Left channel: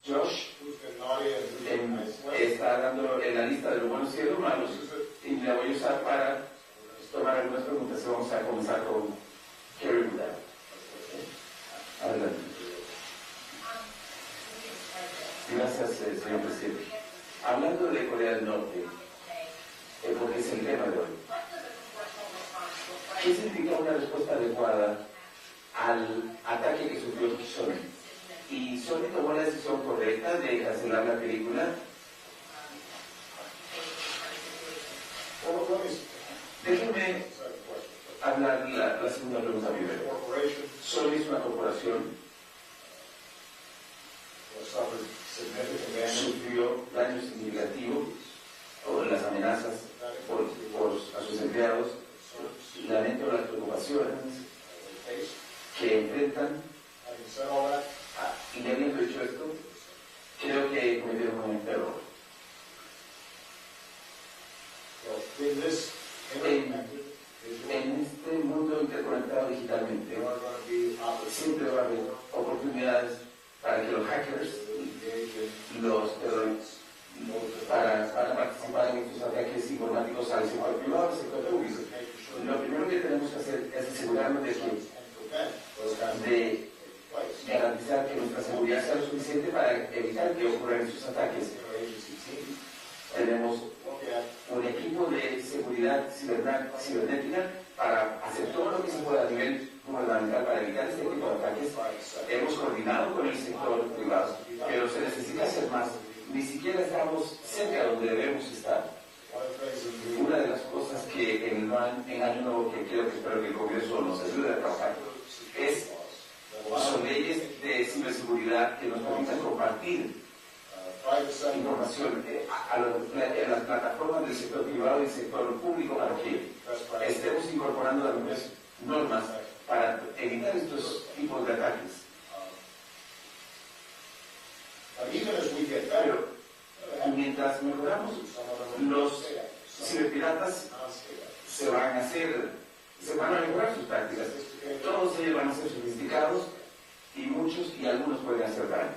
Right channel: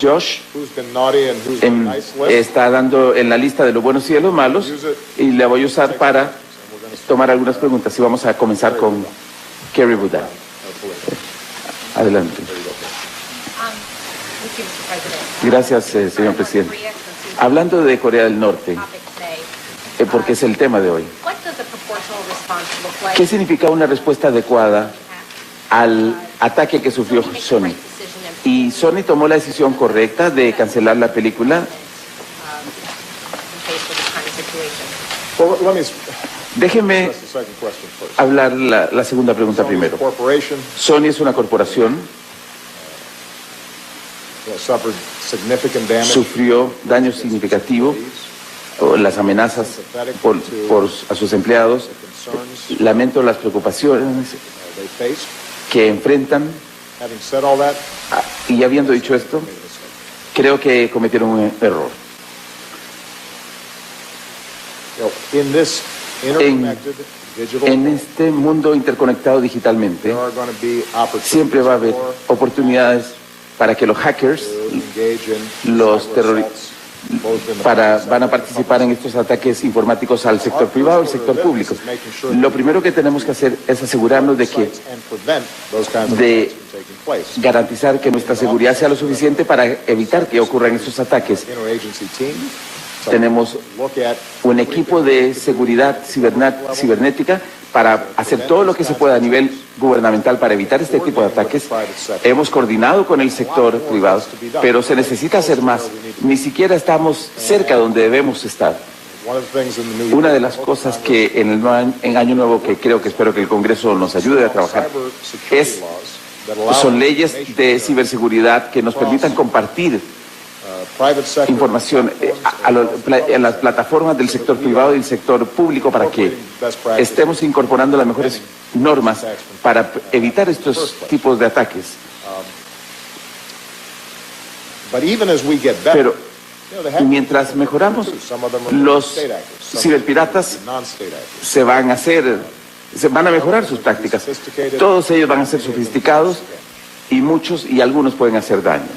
Josh está dando en la lista de los buenos y de los malos y la voy a usar para tomar algunas preguntas y vamos a comenzar con Kerry Budda. Adelante. Gracias, señor presidente. Hablando de Corea del Norte, porque es el tema de hoy, ¿qué significa una respuesta adecuada al ataque que sufrió Sony? ¿Y Sony tomó la decisión correcta de cancelar la película? Déjeme hablar la segunda pregunta primero. Sony es una corporación, sufrió daño significativo, las amenazas a sus empleados. Lamento las preocupaciones que enfrentan. Y habiendo dicho esto, creo que cometieron un error. En este mundo interconectado digitalmente, siempre va a haber oportunidades para que los hackers, los terroristas, van a participar en estos ataques informáticos al sector privado y al sector público. Lo primero que tenemos que hacer es asegurarnos de garantizar que nuestra seguridad sea lo suficiente para evitar que ocurran estos ataques. Tenemos un equipo de seguridad cibernética para hacer todo lo que se pueda a nivel gubernamental para evitar este tipo de ataques. Hemos coordinado con el sector privado, pero se necesita hacer más. Ni siquiera estamos cerca donde debemos estar. Una de las cosas que en Año Nuevo, que espero que el Congreso nos ayude a trabajar, son leyes de ciberseguridad que nos permitan compartir información en las plataformas del sector privado y del sector público para que estemos incorporando las mejores normas para evitar estos tipos de ataques. Pero mientras mejoramos, los ciberpiratas van a mejorar sus tácticas. Todos ellos van a ser sofisticados y algunos pueden hacer daño.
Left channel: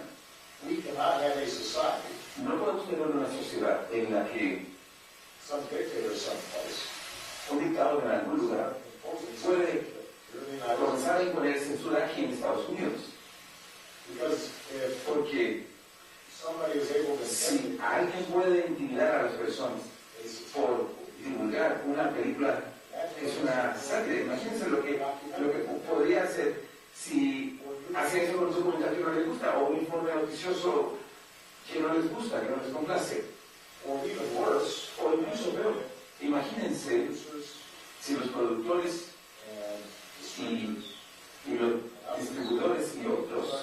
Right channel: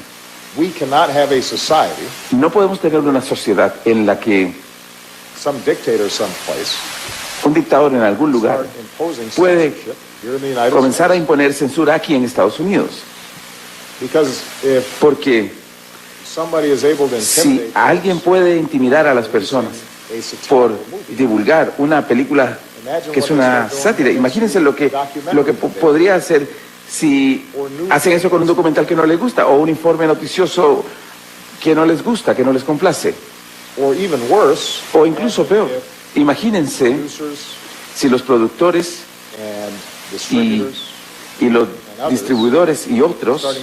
No podemos tener una sociedad en la que un dictador en algún lugar puede comenzar a imponer censura aquí en Estados Unidos. Porque si alguien puede intimidar a las personas por divulgar una película que es una sátira, imagínense lo que podría hacer si hacen eso con un documental que no les gusta o un informe noticioso que no les gusta, que no les complace. O incluso peor, imagínense si los productores y los distribuidores y otros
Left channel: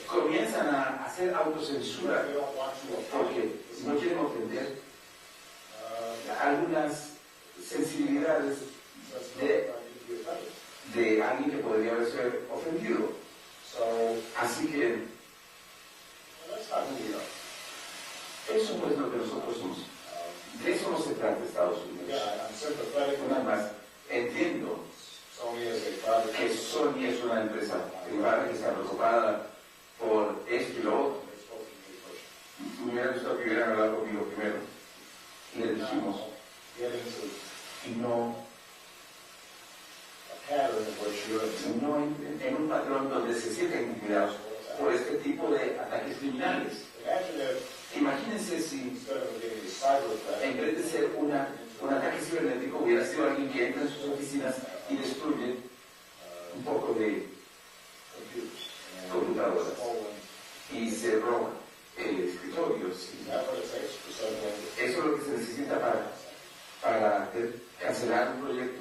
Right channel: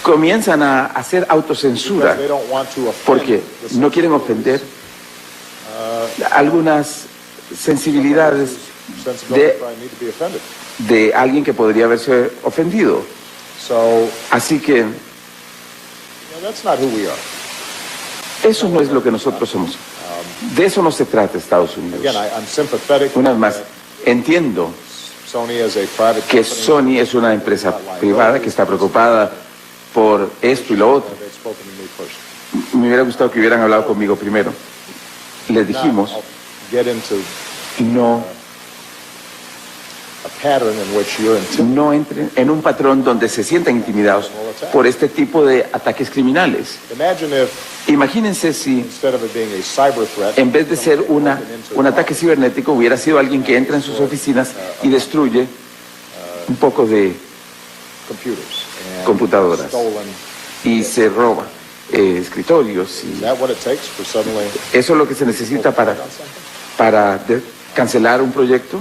comienzan a hacer autocensura porque no quieren ofender algunas sensibilidades de alguien que podría haberse ofendido. Así que eso no es lo que nosotros somos. De eso no se trata Estados Unidos. Una vez más, entiendo que Sony es una empresa privada que está preocupada por esto y lo otro. Me hubiera gustado que hubieran hablado conmigo primero. Les dijimos, no entren en un patrón donde se sientan intimidados por este tipo de ataques criminales. Imagínense si en vez de ser un ataque cibernético hubiera sido alguien que entra en sus oficinas y destruye un poco de computadoras y se roba escritorios. ¿Eso es lo que se necesita para cancelar un proyecto?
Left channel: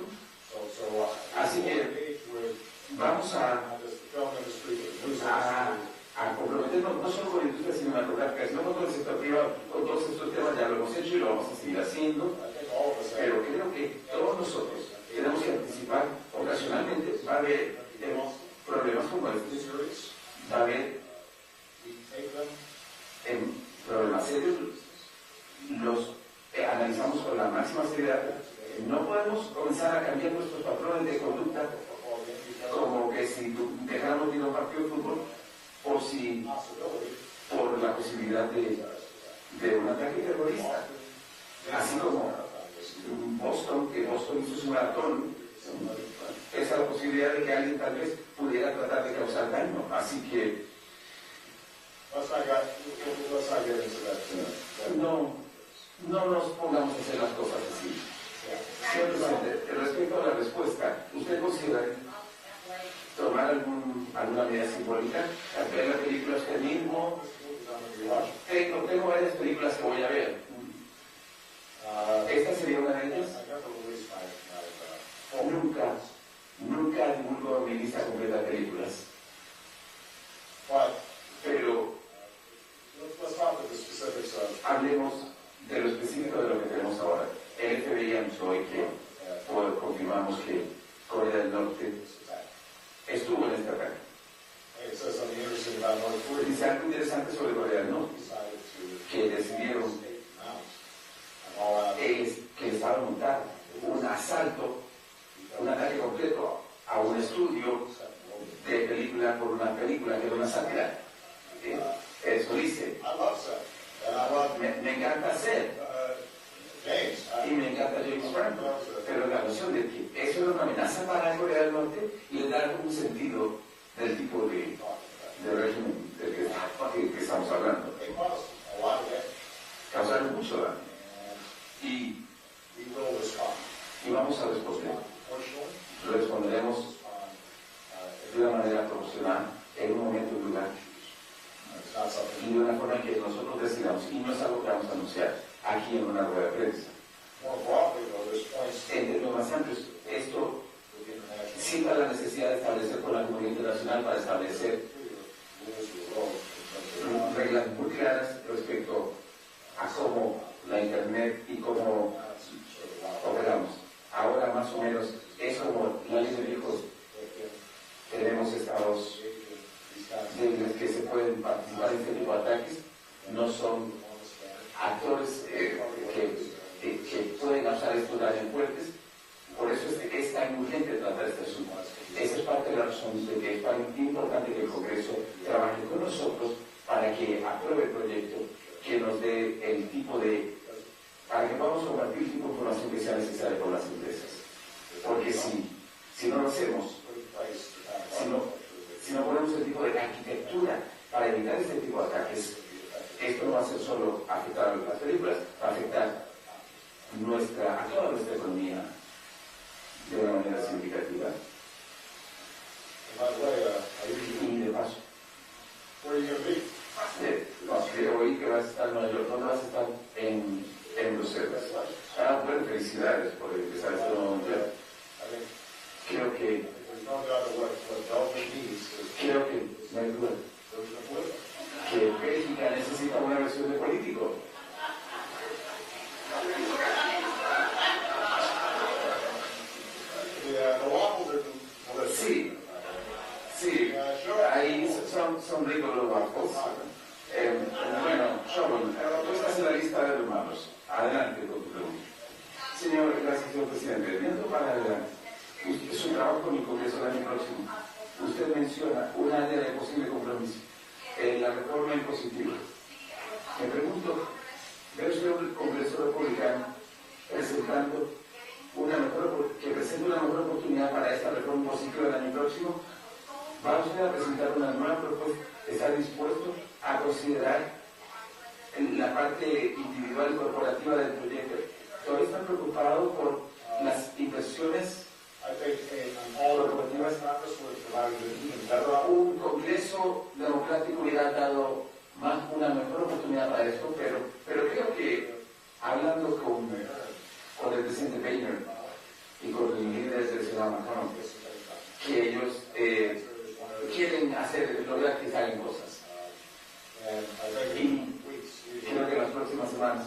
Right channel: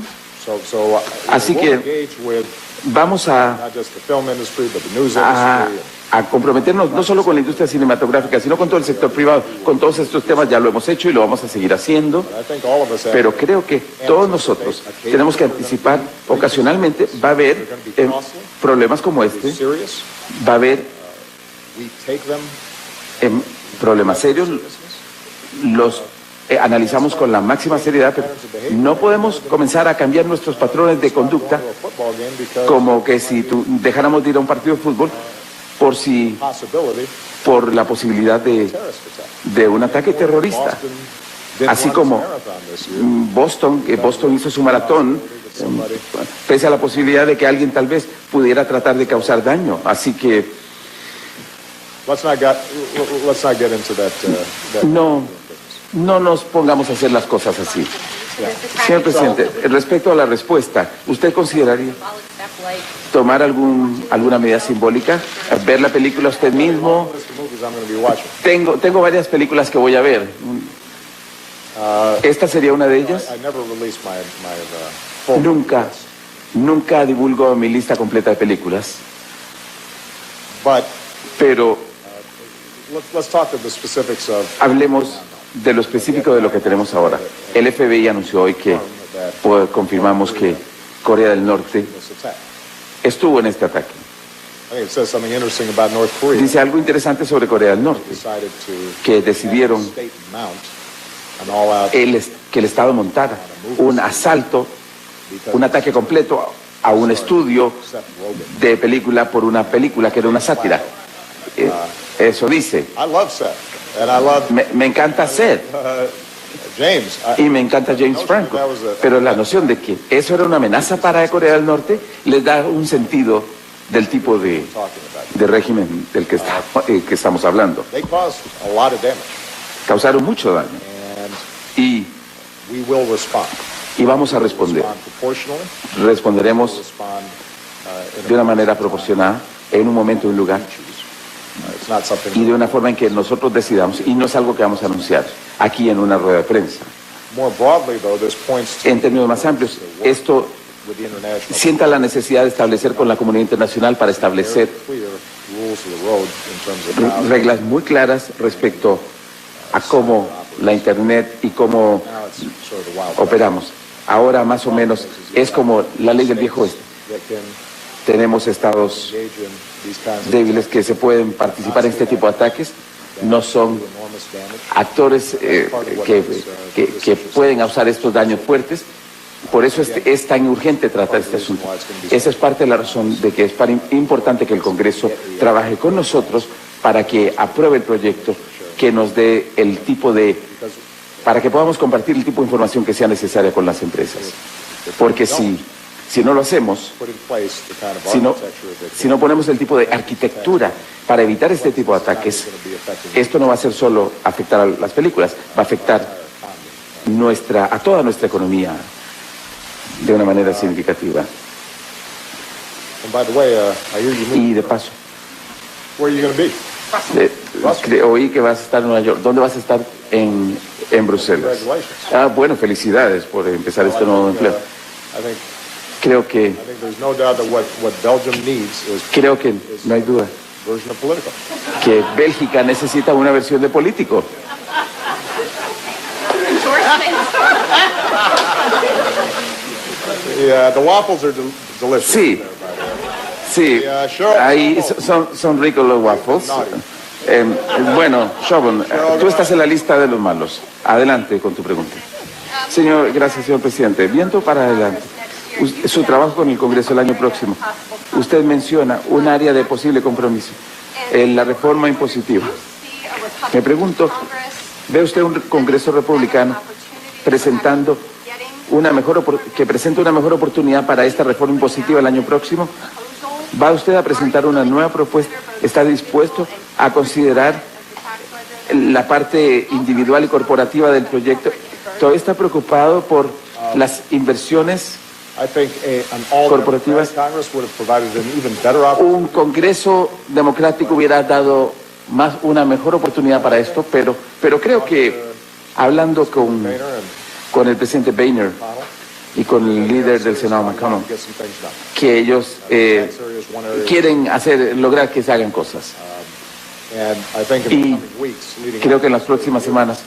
Así que vamos a comprometernos no solo con la industria cinematográfica, sino con todo el sector privado. Con todos estos temas ya lo hemos hecho y lo vamos a seguir haciendo. Pero creo que todos nosotros tenemos que anticipar. Ocasionalmente va a haber problemas como este. Va a haber problemas serios. Los analizamos con la máxima seriedad, pero no podemos comenzar a cambiar nuestros patrones de conducta como que si dejáramos de ir a un partido de fútbol por la posibilidad de un ataque terrorista. Así como que Boston hizo su maratón, pese a la posibilidad de que alguien tal vez pudiera tratar de causar daño. Así que no nos pongamos a hacer las cosas así. Señor presidente, respecto a la respuesta, ¿usted consideraría tomar alguna medida simbólica? ¿Ver la película usted mismo? Tengo varias películas que voy a ver. ¿Esta sería una de ellas? Nunca divulgo mi lista completa de películas. Pero hablemos de lo específico de lo que tenemos ahora. El FBI anunció hoy que confirmamos que Corea del Norte estuvo en este ataque. Dice algo interesante sobre Corea del Norte, que decidieron que el Estado montara un asalto, un ataque completo a un estudio de película por una película que era una sátira. Eso dice. Me encanta Seth y me encanta James Franco, pero la noción de que eso era una amenaza para Corea del Norte les da un sentido del tipo de régimen del que estamos hablando. Causaron mucho daño y vamos a responder. Responderemos de una manera proporcionada, en un momento y un lugar, y de una forma en que nosotros decidamos, y no es algo que vamos a anunciar aquí en una rueda de prensa. En términos más amplios, esto sienta la necesidad de establecer con la comunidad internacional para establecer reglas muy claras respecto a cómo la Internet y cómo operamos. Ahora más o menos es como la ley del viejo oeste. Tenemos estados débiles que se pueden participar en este tipo de ataques, no son actores que pueden causar estos daños fuertes. Por eso es tan urgente tratar este asunto. Esa es parte de la razón de que es importante que el Congreso trabaje con nosotros para que apruebe el proyecto que nos dé para que podamos compartir el tipo de información que sea necesaria con las empresas. Porque si no lo hacemos, si no ponemos el tipo de arquitectura para evitar este tipo de ataques, esto no va a ser solo afectar a las películas, va a afectar a toda nuestra economía de una manera significativa. Y de paso, oí que vas a estar en Nueva York. ¿Dónde vas a estar? En Bruselas. Bueno, felicidades por empezar este nuevo empleo. Creo que no hay duda que Bélgica necesita una versión de político. Sí, ahí son ricos los waffles. Bueno, Chauvin, tú estás en la lista de los malos. Adelante con tu pregunta. Gracias, señor presidente. Viendo para adelante su trabajo con el Congreso el año próximo, usted menciona un área de posible compromiso, la reforma impositiva. Me pregunto, ¿ve usted un Congreso republicano presenta una mejor oportunidad para esta reforma impositiva el año próximo? ¿Va usted a presentar una nueva propuesta? ¿Está dispuesto a considerar la parte individual y corporativa del proyecto? ¿Todavía está preocupado por las inversiones corporativas? Un Congreso democrático hubiera dado una mejor oportunidad para esto, pero creo que hablando con el presidente Boehner y con el líder del Senado McConnell, que ellos quieren lograr que se hagan cosas. Y creo que en las próximas semanas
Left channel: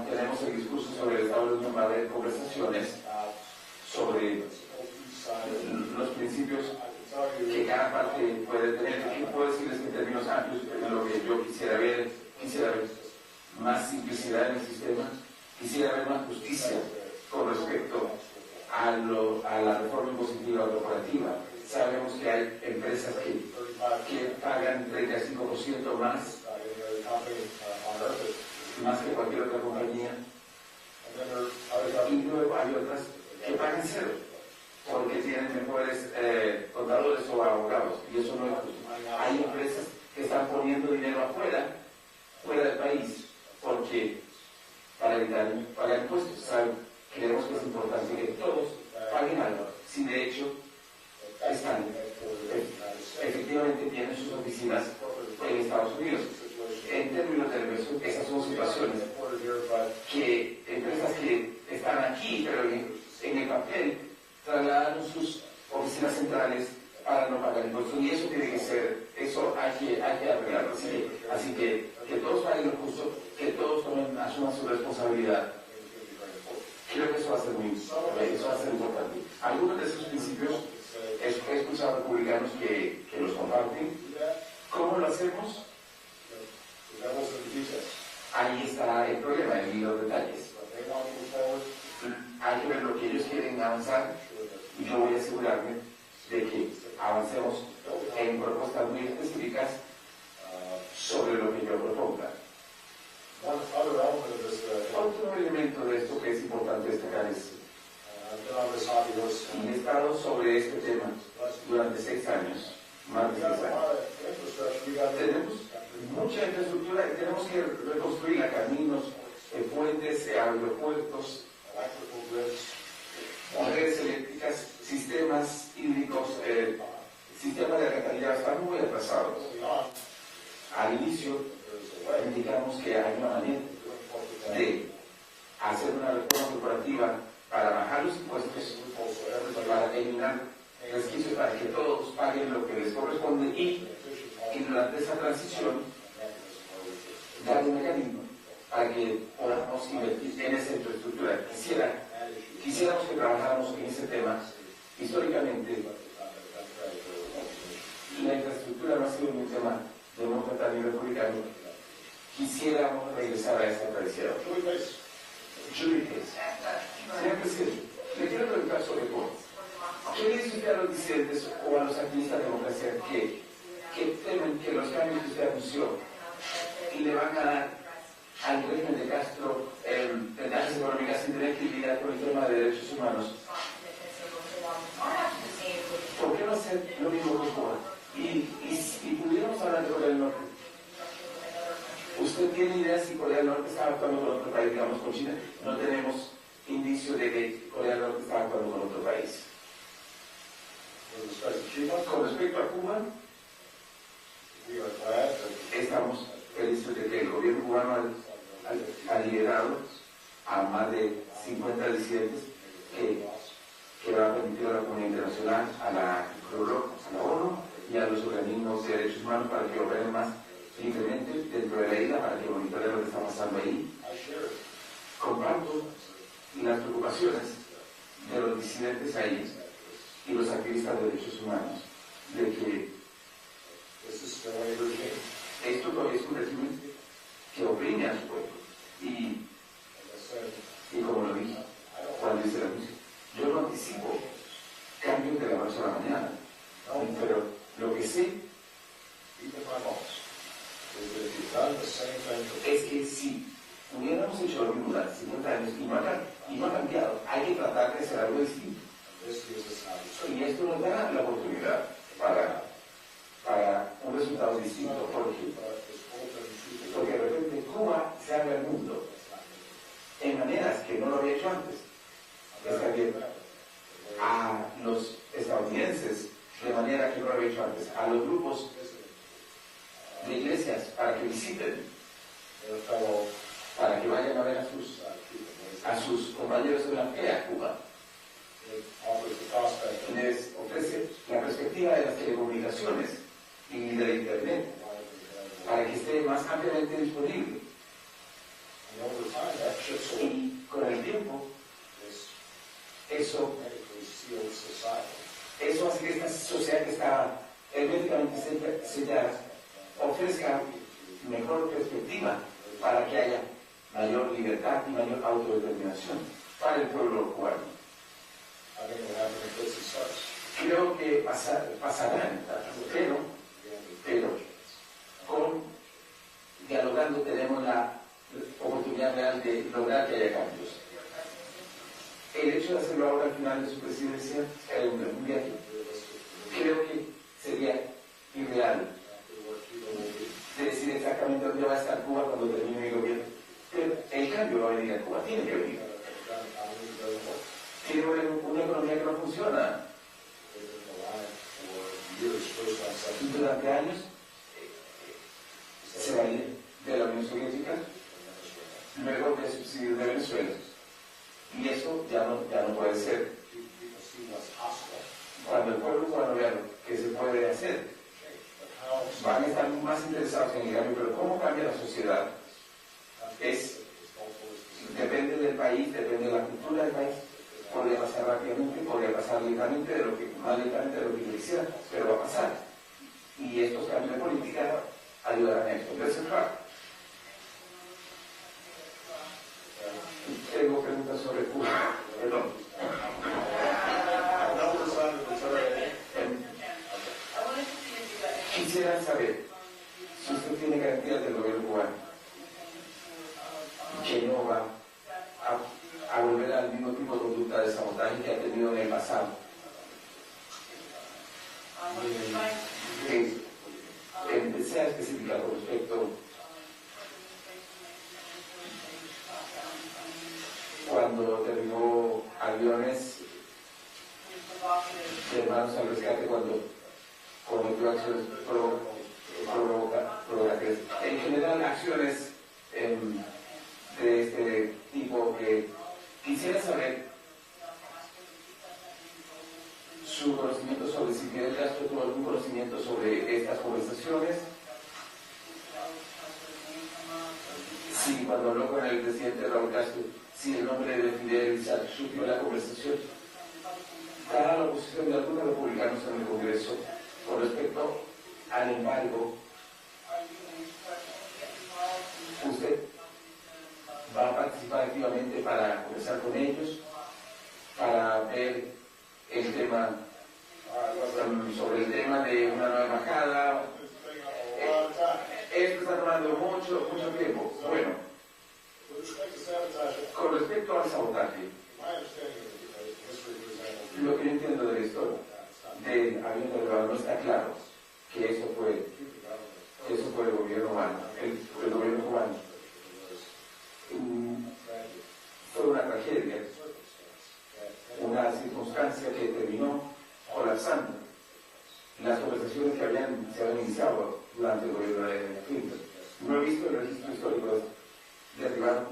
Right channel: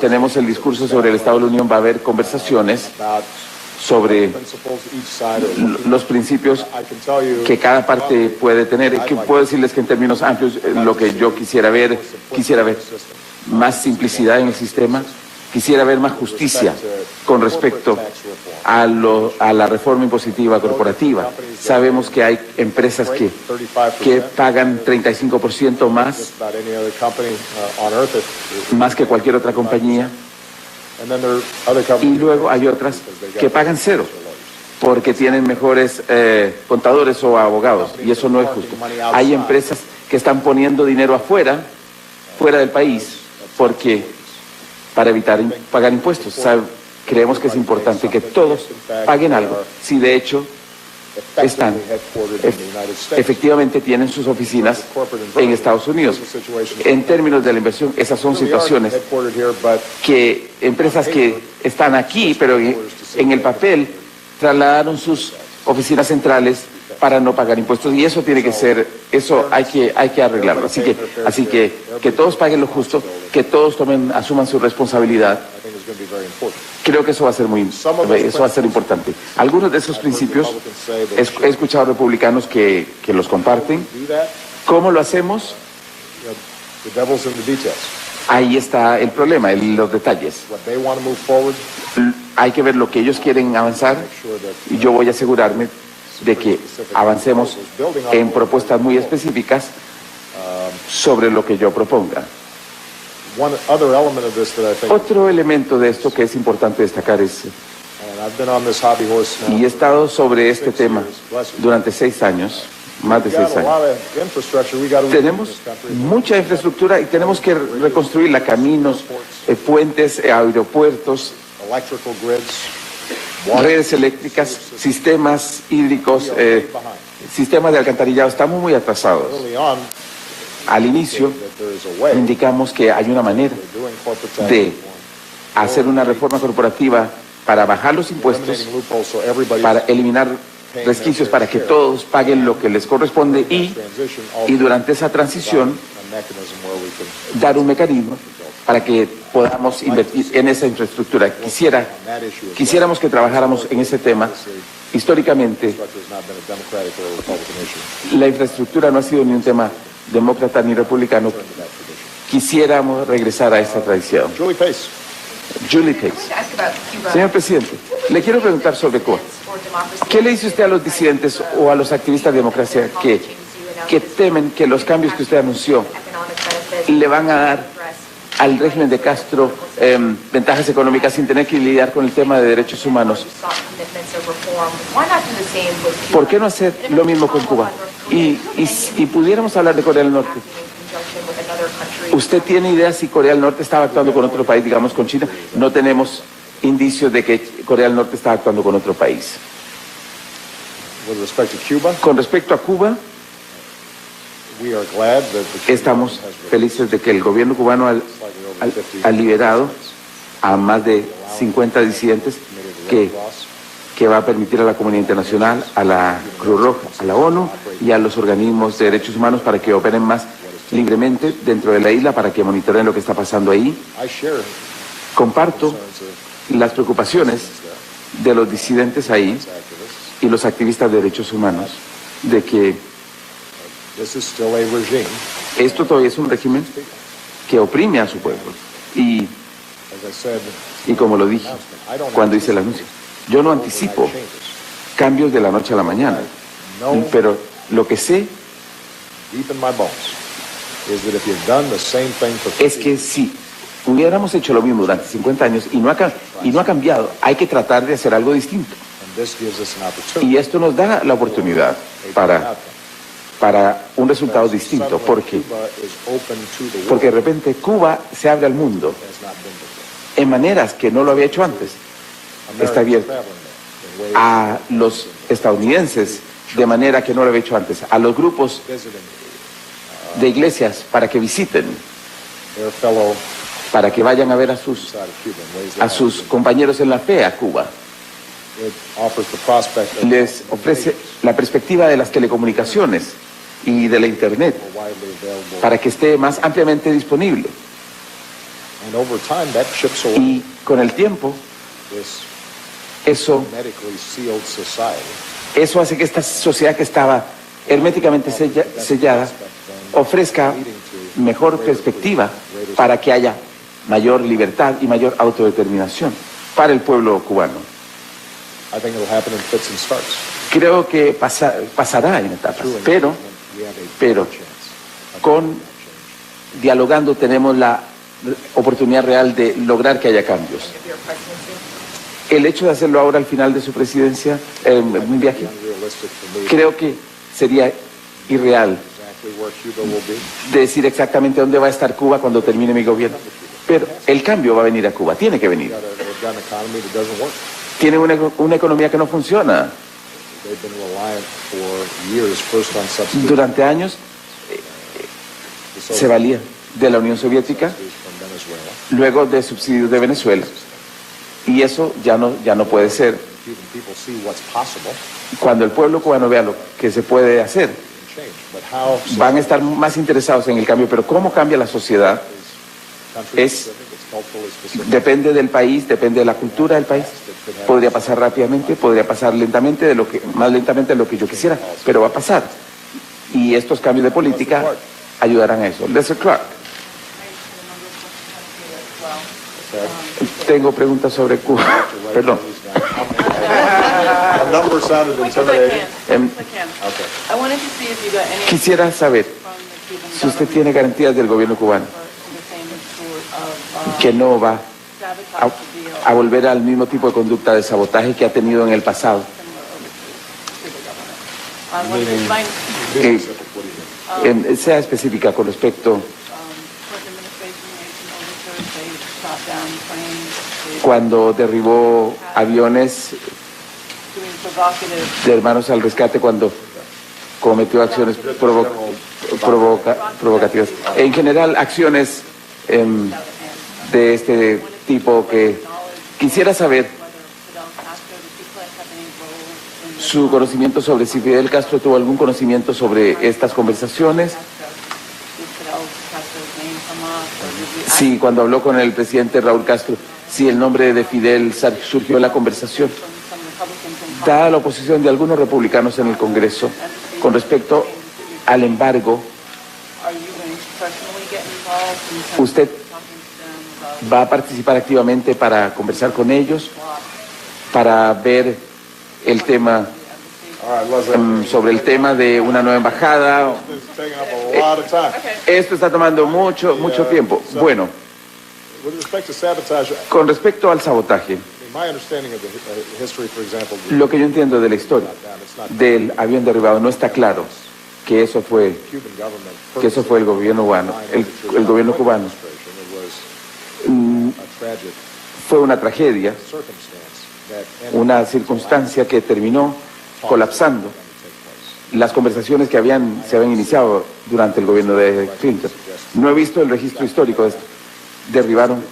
tenemos el discurso sobre el Estado de la Unión, va a haber conversaciones sobre los principios que cada parte puede tener. Que puedo decirles que en términos amplios lo que yo quisiera ver más simplicidad en el sistema, quisiera ver más justicia con respecto a la reforma impositiva corporativa. Sabemos que hay empresas que pagan 35% más que cualquier otra compañía, y luego hay otras que pagan cero porque tienen mejores contadores o abogados, y eso no es justo. Hay empresas que están poniendo dinero fuera del país, para evitar pagar impuestos. Creemos que es importante que todos paguen algo. Si de hecho efectivamente tienen sus oficinas en Estados Unidos. En términos de la inversión, esas son situaciones que empresas que están aquí, pero en el papel trasladaron sus oficinas centrales para no pagar impuestos, y eso tiene que ser, hay que arreglarlo. Así que todos paguen lo justo, que todos asuman su responsabilidad. Creo que eso va a ser importante. Algunos de esos principios he escuchado republicanos que los comparten. ¿Cómo lo hacemos? Ahí está el problema, los detalles. Hay que ver lo que ellos quieren avanzar, y yo voy a asegurarme de que avancemos en propuestas muy específicas sobre lo que yo proponga. Otro elemento de esto que es importante destacar es, y he estado sobre este tema durante 6 años, más de 6 años, tenemos mucha infraestructura y tenemos que reconstruirla: caminos, puentes, aeropuertos, redes eléctricas, sistemas hídricos, sistemas de alcantarillado. Estamos muy atrasados. Al inicio indicamos que hay una manera de hacer una reforma corporativa para bajar los impuestos, para eliminar resquicios, para que todos paguen lo que les corresponde, y durante esa transición dar un mecanismo para que podamos invertir en esa infraestructura. Quisiéramos que trabajáramos en ese tema. Históricamente, la infraestructura no ha sido ni un tema demócrata ni republicano. Quisiéramos regresar a esa tradición. Julie Pace. Señor presidente, le quiero preguntar sobre Cuba. ¿Qué le dice usted a los disidentes o a los activistas de democracia que temen que los cambios que usted anunció le van a dar al régimen de Castro ventajas económicas sin tener que lidiar con el tema de derechos humanos? ¿Por qué no hacer lo mismo con Cuba? Y pudiéramos hablar de Corea del Norte. ¿Usted tiene idea si Corea del Norte estaba actuando con otro país, digamos con China? No tenemos indicios de que Corea del Norte estaba actuando con otro país. Con respecto a Cuba, estamos felices de que el gobierno cubano ha liberado a más de 50 disidentes, que va a permitir a la comunidad internacional, a la Cruz Roja, a la ONU y a los organismos de derechos humanos para que operen más libremente dentro de la isla, para que monitoreen lo que está pasando ahí. Comparto las preocupaciones de los disidentes ahí y los activistas de derechos humanos de que esto todavía es un régimen que oprime a su pueblo. Y como lo dije cuando hice el anuncio, yo no anticipo cambios de la noche a la mañana, pero lo que sé es que si hubiéramos hecho lo mismo durante 50 años y no ha cambiado, hay que tratar de hacer algo distinto. Y esto nos da la oportunidad para un resultado distinto, porque de repente Cuba se abre al mundo en maneras que no lo había hecho antes. Está abierto a los estadounidenses de manera que no lo había hecho antes, a los grupos de iglesias para que visiten, para que vayan a ver a sus compañeros en la fe a Cuba. Les ofrece la perspectiva de las telecomunicaciones y de la Internet para que esté más ampliamente disponible. Y con el tiempo, eso hace que esta sociedad que estaba herméticamente sellada ofrezca mejor perspectiva para que haya mayor libertad y mayor autodeterminación. para el pueblo cubano. I think it'll happen in fits and starts. Creo que pasará en etapas, pero dialogando tenemos la oportunidad real de lograr que haya cambios. El hecho de hacerlo ahora al final de su presidencia, un viaje, creo que sería irreal de decir exactamente dónde va a estar Cuba cuando termine mi gobierno. Pero el cambio va a venir a Cuba, tiene que venir. Tiene una economía que no funciona. Durante años se valía de la Unión Soviética, luego de subsidios de Venezuela. Y eso ya no puede ser. Cuando el pueblo cubano vea lo que se puede hacer, van a estar más interesados en el cambio. Pero cómo cambia la sociedad depende del país, depende de la cultura del país. Podría pasar rápidamente, podría pasar lentamente, más lentamente de lo que yo quisiera, pero va a pasar. Y estos cambios de política ayudarán a eso. Lester Clark. Tengo preguntas sobre Cuba. Perdón. Quisiera saber si usted tiene garantías del gobierno cubano que no va a volver al mismo tipo de conducta de sabotaje que ha tenido en el pasado. Sea específica con respecto cuando derribó aviones de Hermanos al Rescate, cuando cometió acciones provocativas. En general, acciones de este tipo que quisiera saber su conocimiento sobre si Fidel Castro tuvo algún conocimiento sobre estas conversaciones. Sí, cuando habló con el presidente Raúl Castro, si el nombre de Fidel surgió en la conversación. Dada la oposición de algunos republicanos en el Congreso con respecto al embargo, ¿usted va a participar activamente para conversar con ellos, para ver el tema, sobre el tema de una nueva embajada? Esto está tomando mucho tiempo. Bueno, con respecto al sabotaje, lo que yo entiendo de la historia del avión derribado, no está claro que eso fue el gobierno cubano. El gobierno cubano fue una tragedia, una circunstancia que terminó colapsando las conversaciones que se habían iniciado durante el gobierno de Clinton. No he visto el registro histórico de esto. Derribaron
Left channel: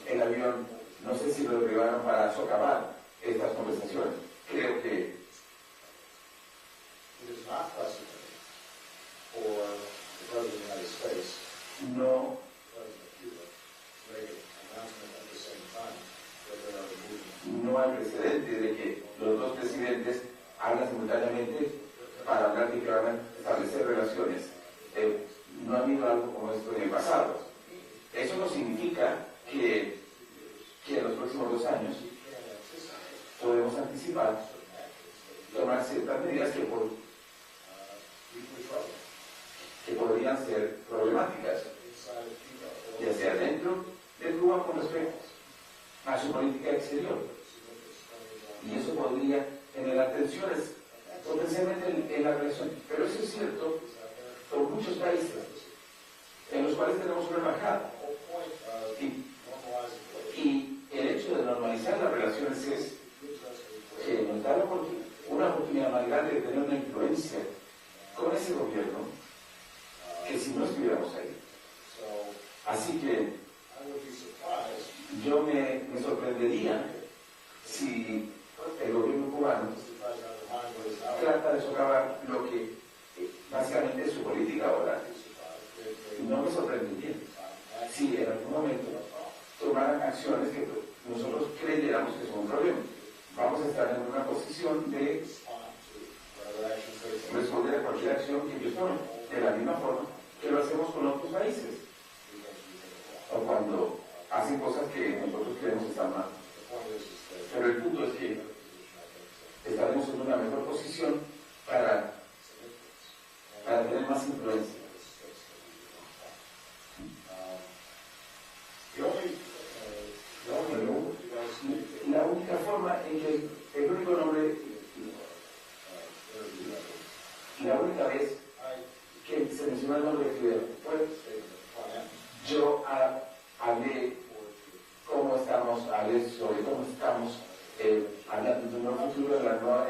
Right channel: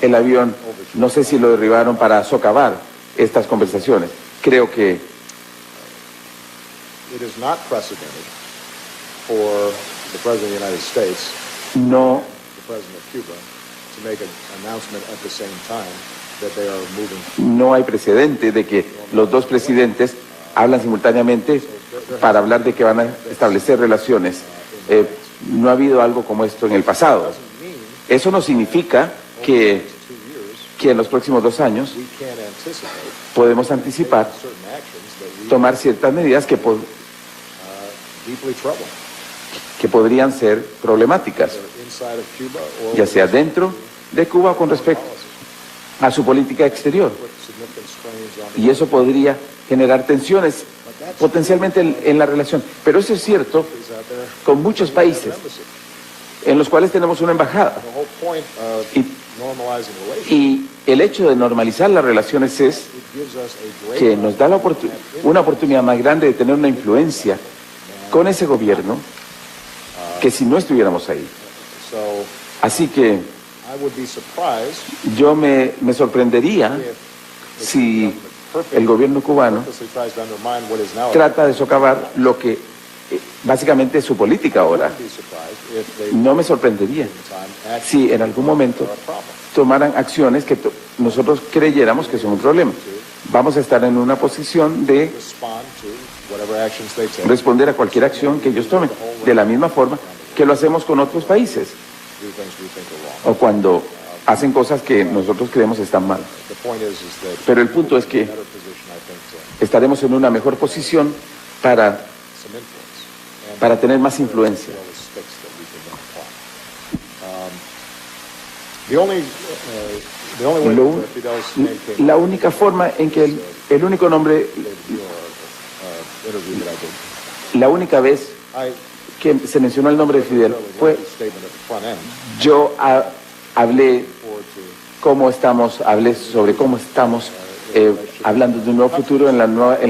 el avión, no sé si lo derribaron para socavar estas conversaciones. Creo que no hay precedente de que los dos presidentes hablan simultáneamente para hablar de que van a establecer relaciones. No ha habido algo como esto en el pasado. Eso no significa que en los próximos 2 años podemos anticipar tomar ciertas medidas que podrían ser problemáticas, ya sea dentro de Cuba o con respecto a su política exterior. Y eso podría generar tensiones potencialmente en la relación. Pero eso es cierto con muchos países en los cuales tenemos una embajada. Y el hecho de normalizar las relaciones es que nos da una oportunidad más grande de tener una influencia con ese gobierno que si no estuviéramos ahí. Así que yo me sorprendería si el gobierno cubano trata de socavar lo que básicamente es su política ahora. No me sorprendería si en algún momento tomaran acciones que nosotros creyéramos que son un problema. Vamos a estar en una posición de responder a cualquier acción que ellos tomen, de la misma forma que lo hacemos con otros países. O cuando hacen cosas que nosotros creemos están mal. The point is that Pero el punto es que better position, I think, to estaremos en una mejor posición para some influence and para tener más influencia. all the sticks that we can then apply. The only way Lo- that Fidel's name came La única forma en que el único nombre, interview that I did, la única vez I que se mencionó el nombre de Fidel fue a statement at the front end yo hablé forward to cómo estamos, hablé sobre cómo estamos hablando de un nuevo futuro en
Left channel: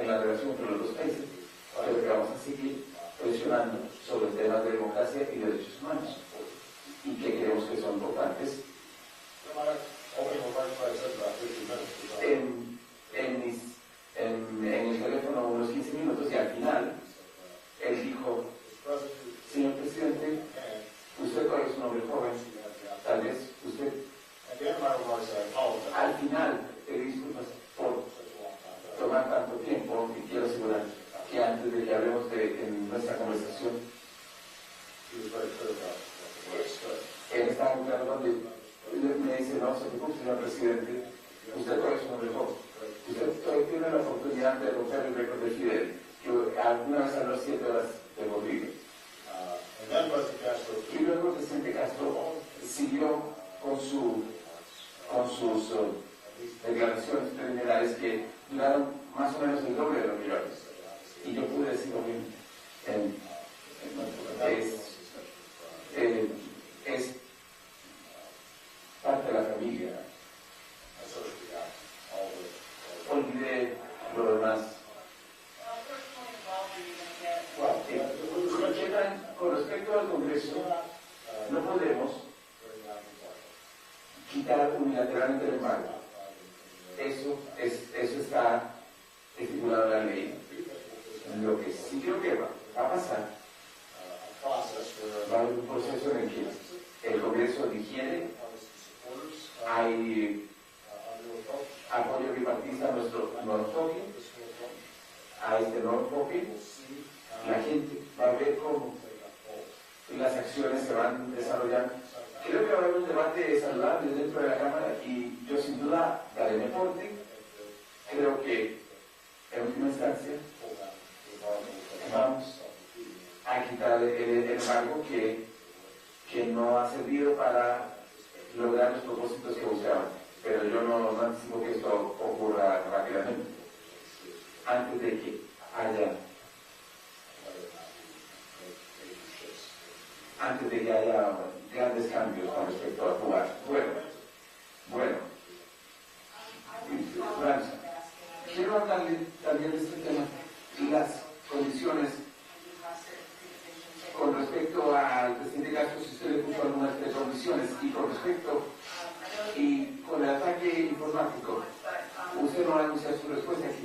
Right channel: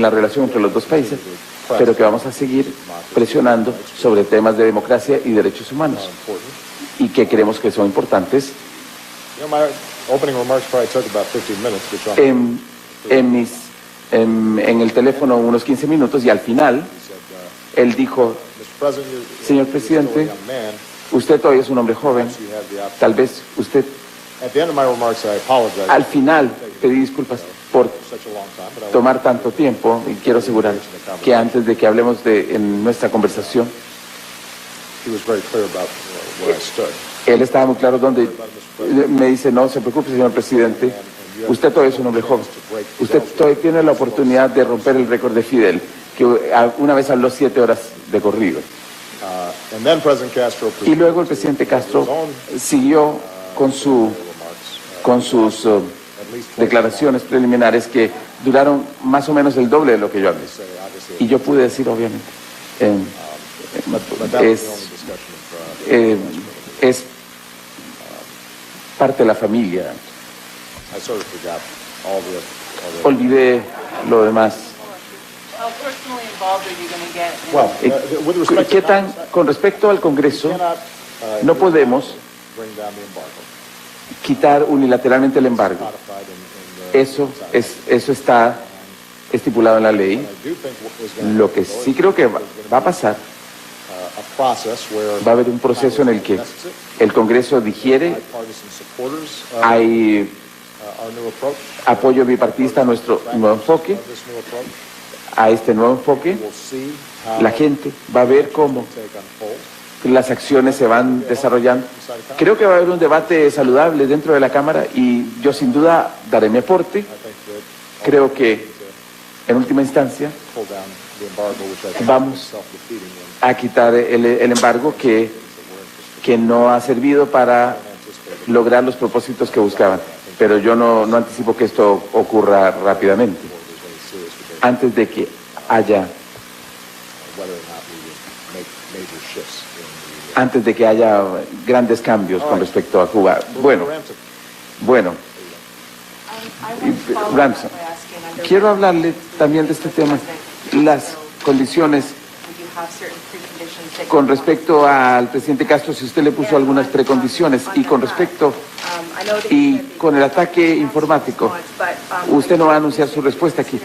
la relación entre los dos países, pero que vamos a seguir presionando sobre temas de democracia y derechos humanos important. y que creemos que son importantes. You know, my opening remarks probably took about 15 minutes, which I'm En el teléfono unos 15 minutos y al final él dijo, Mr. President, you're señor still a presidente, young man. usted todavía es un hombre joven, You have the opportunity. tal vez usted, At the end of my remarks, I apologize al final pedí disculpas por for such a long time, but I tomar tanto tiempo y quiero asegurar que antes de que hablemos en nuestra conversación, he was very clear about where I stood. él estaba muy claro donde me dice, no se preocupe señor presidente, usted todavía es un hombre joven, usted todavía tiene la oportunidad de romper el récord de Fidel, que una vez habló 7 horas de corrido. And then President Castro Y luego el presidente Castro siguió con sus declaraciones preliminares que duraron más o menos el doble de lo que yo hablé. Y yo pude decir, obviamente, es parte de la familia. I sort of forgot all the Olvidé lo demás. How personally involved are you going to get? well, with respect ¿Qué to tan, con respecto al Congreso, cannot no podemos bring down the embargo quitar unilateralmente el embargo? codified in Eso está estipulado en la ley. I do think is going Lo que sí creo que va a pasar, a process where va a haber un proceso en el que el Congreso digiere, bipartisan supporters hay our new approach, apoyo bipartista a nuestro nuevo enfoque, this new approach. a este nuevo enfoque. We'll see how La gente va a ver cómo take unfold. las acciones se van desarrollando. Creo que va a haber un debate saludable dentro de la Cámara y yo sin duda daré mi aporte. I think that Creo que en última instancia pull down the embargo, which I think Vamos. is self-defeating a quitar el embargo que no ha servido para lograr los propósitos que buscaban. Pero yo no anticipo que esto ocurra rápidamente, antes de que haya, whether or not we would make major shifts in antes de que haya grandes cambios con respecto a Cuba. Bueno, I want to follow up Ramsey, by asking under quiero hablarle también de este tema, las condiciones would you have certain preconditions that con respecto al presidente Castro, si usted le puso algunas precondiciones, y con respecto I know that you y said con el ataque informático, usted no va a anunciar su respuesta aquí,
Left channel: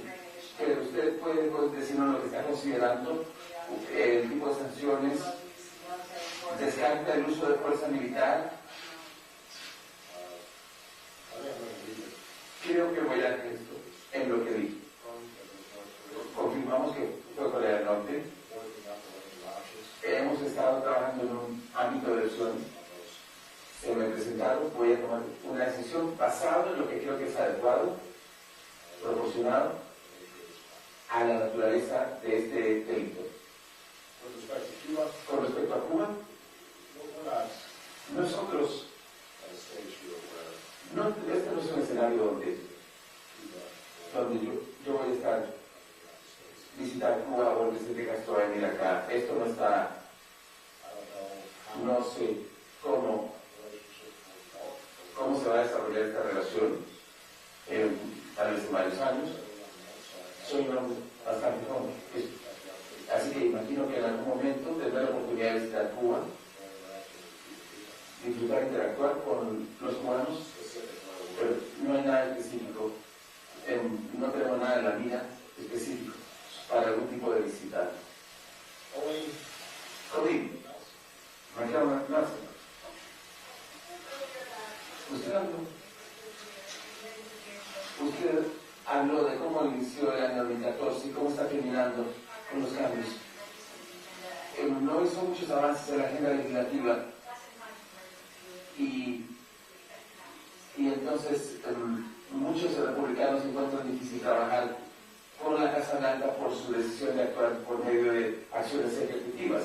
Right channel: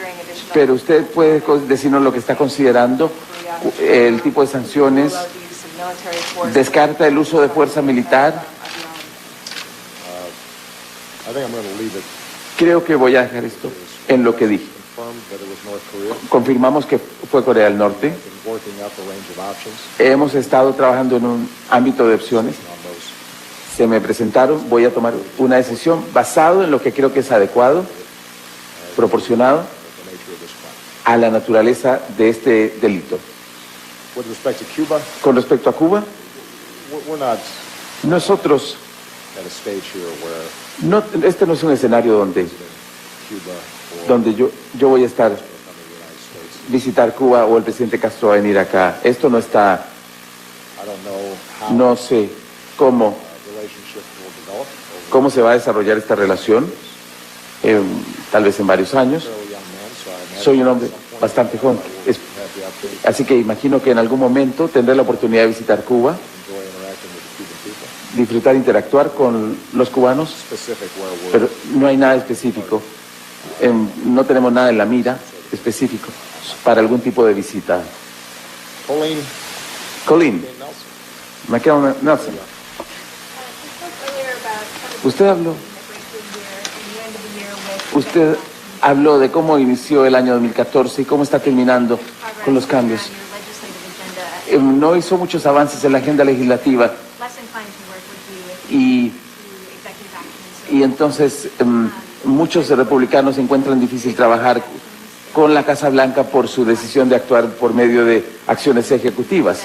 pero usted puede decirnos lo que está considerando, el tipo de sanciones, about the use of military force. descarta el uso de fuerza militar. I think I'm going to leave it Creo que voy a dejar esto en lo que dije. confirmed that it was North Korea. Confirmamos que fue Corea del Norte. Been working up a range of options Hemos estado trabajando en un ámbito de opciones. on those. Se me presentaron, voy a tomar una decisión basado en lo que creo que es adecuado, proporcionado The nature of this crime. a la naturaleza de este delito. With respect to Cuba, Con respecto a Cuba, we're not nosotros, at a stage here where este no es un escenario donde Cuba or yo voy a estar, come to the United States. visitar Cuba o el presidente Castro va a venir acá. Esto no está, I don't know how no sé cómo, the relationship will develop over cómo se va a desarrollar esta relación, tal vez en varios años. a fairly young man, so I imagine Soy un hombre bastante joven, have the opportunity así que imagino que en algún momento tendré la oportunidad de visitar Cuba, to enjoy interacting with the Cuban people. disfrutar, interactuar con los cubanos, Specific where we're pero no hay nada específico, no tenemos nada en la mira específico para algún tipo de visita. Colleen Colleen, Nelson. McKellen Nelson, usted habló, usted habló de cómo inició el año 2014 y cómo está terminando con los cambios. No hizo muchos avances en la agenda legislativa y Y entonces muchos republicanos encuentran difícil trabajar con la Casa Blanca por su decisión de actuar por medio de acciones ejecutivas.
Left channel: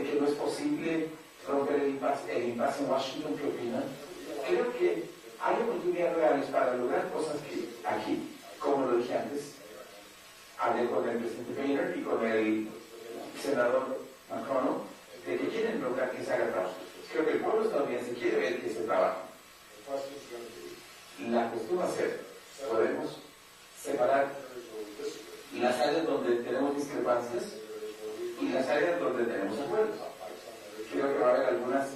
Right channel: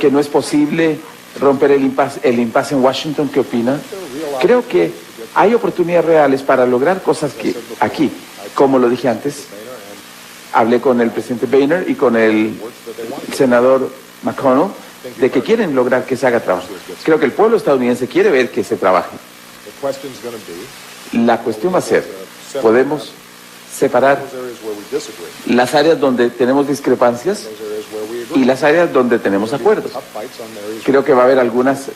Que no es posible romper el impasse en Washington. ¿Qué opina? Creo que hay oportunidades reales para lograr cosas que aquí, como lo dije antes, hablé con el presidente Boehner y con el senador McConnell de que quieren lograr que se haga trabajo. Creo que el pueblo estadounidense quiere ver que se trabaje. La cuestión va a ser, podemos separar las áreas donde tenemos discrepancias y las áreas donde tenemos acuerdos. Creo que va a haber algunas